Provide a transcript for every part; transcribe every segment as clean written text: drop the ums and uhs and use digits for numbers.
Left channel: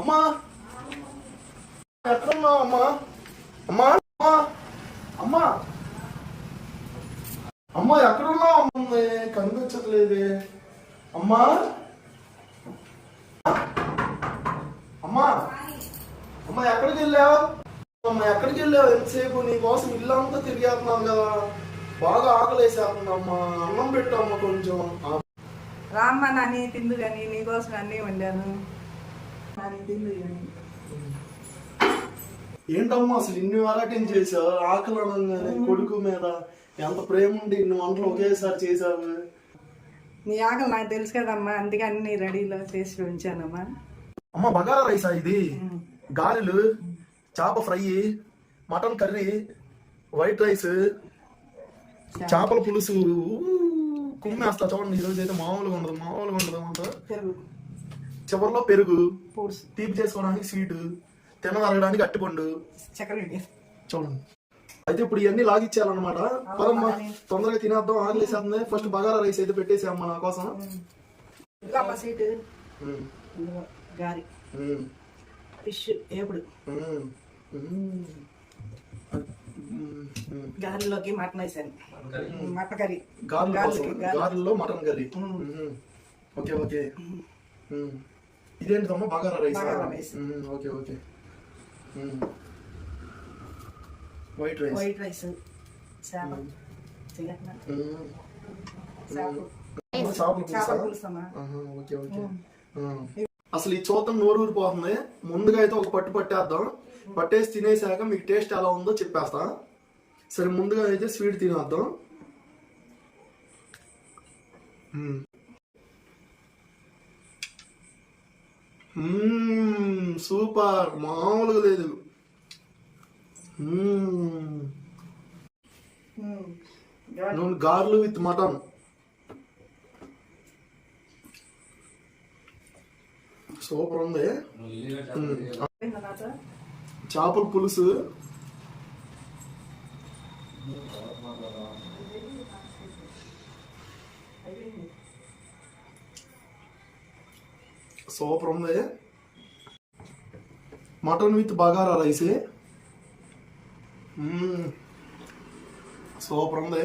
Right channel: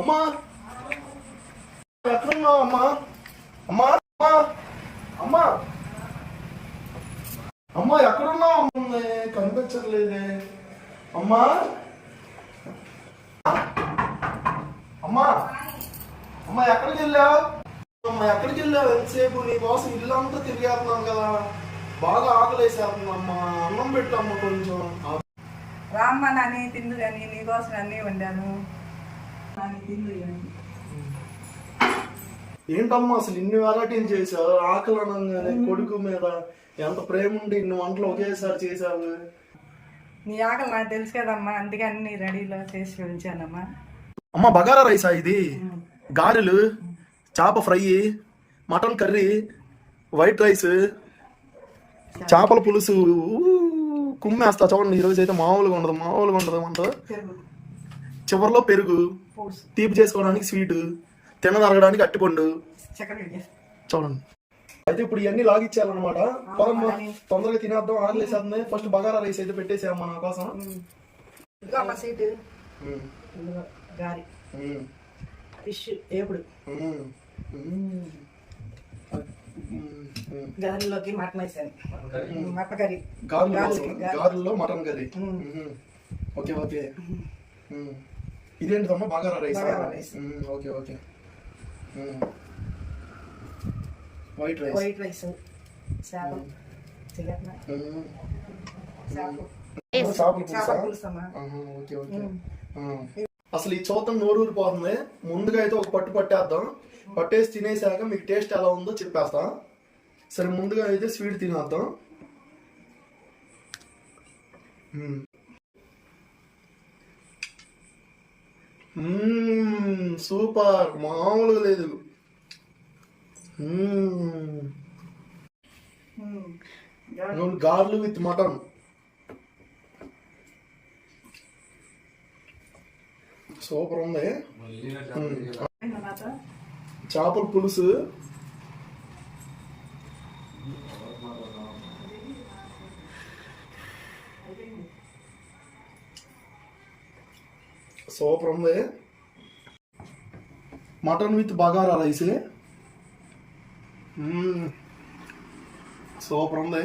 అమ్మా ఎక్కడున్నావు అమ్మా? అమ్మా అమ్మా అమ్మా అమ్మా ఎక్కడున్నావు? అమ్మ కనిపించట్లేదే. అమ్మా అమ్మా అమ్మా ఎక్కడికి వెళ్ళావు? అమ్మ ఎక్కడికి వెళ్ళావు? ఎంతసేపు నీ కోసం ఇల్లంతా తిరిగేస్తున్నాను కదా, బాగా ఆకలేసేస్తుందమ్మా. అన్నం పెట్టాము కొంచెం. రామ్మ నాని తిందు కానీ నీకోసం అన్నీ వండాను. నాని తిందు కానీ. ఏంటమ్మా అసలు ఇన్ని వెరైటీలు చేసావు? ఆకలి అనగానే కొడుకు మీద ఎంత ప్రేమ ఉండి ఇన్ని వంటలు ఒకేసారి చేసావు. నీ ఆకలి నాకు తెలుసు కదమ్మా, అందుకే అన్ని రెడీలో చేసి ఉంచానమ్మా. అమ్మ బగారా రైసా ఇది? గారెలు, చేప fry, mutton curry, white rice, చేపల పులుసు, కుమ్మేస్తా చూడండి. ఈరోజు అయితే మామూలుగా ఉండదు అంట. చివరిలో పెరుగు, తీపి చేసుకోవడానికి స్వీట్, తినదరగడానికి అట్టిపండు, చూడండి. అయితే ఇప్పుడు ఇవన్నీ లాగిచ్చేయాలన్నమాట. పదమ్మా తొందరగా తినేద్దాం, ఆకలేసేస్తుంది. ఫస్ట్ బగారా రైస్ అయితే పెట్టేసామ్మా నా కోసం. గారి ఫిష్ ఏపుడు, గారెల్లోకి మటన్ వేసాను. మటన్ కర్రీ, గారెల్లో మటన్ కర్రీ. Okay okay. ఇదేంటిదమ్మా? Bagara rice. Okay okay. White rice, చేపల పులుసా? Okay okay. అసలు ఈ చూద్దాం, నోరూరిపోతుంది. ముందుగా అయితే ఒక పట్టు పట్టేద్దాం. పట్టేసి తినేసాక మీకు టేస్ట్ ఎలా ఉందో చెప్పేస్తా. సరే ముందుగా అయితే స్వీట్ తినేద్దాం. సూపర్, మామూలుగా లేదు. గార్లు విత్ మటన్, సూపర్ ఉంది. చేపల పులుసు, సూపర్ ఉంది. Mutton with bagara rice, super ఉంది.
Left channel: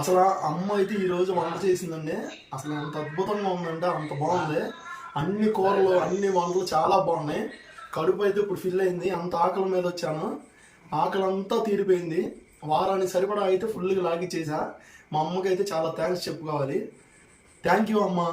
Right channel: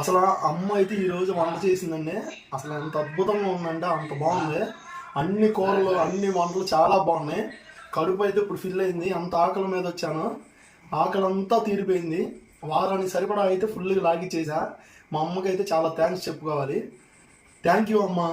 అసలు అమ్మ అయితే ఈరోజు వంట చేసిందండి. అసలు ఎంత అద్భుతంగా ఉందంటే అంత బాగుంది. అన్ని కూరలు, అన్ని వంటలు చాలా బాగున్నాయి. కడుపు అయితే ఇప్పుడు ఫిల్ అయింది. అంత ఆకలి మీద వచ్చాను, ఆకలి అంతా తీరిపోయింది. వారానికి సరిపడా అయితే ఫుల్గా లాగిచ్చేసా. మా అమ్మకి అయితే చాలా థ్యాంక్స్ చెప్పుకోవాలి. థ్యాంక్ యూ అమ్మా.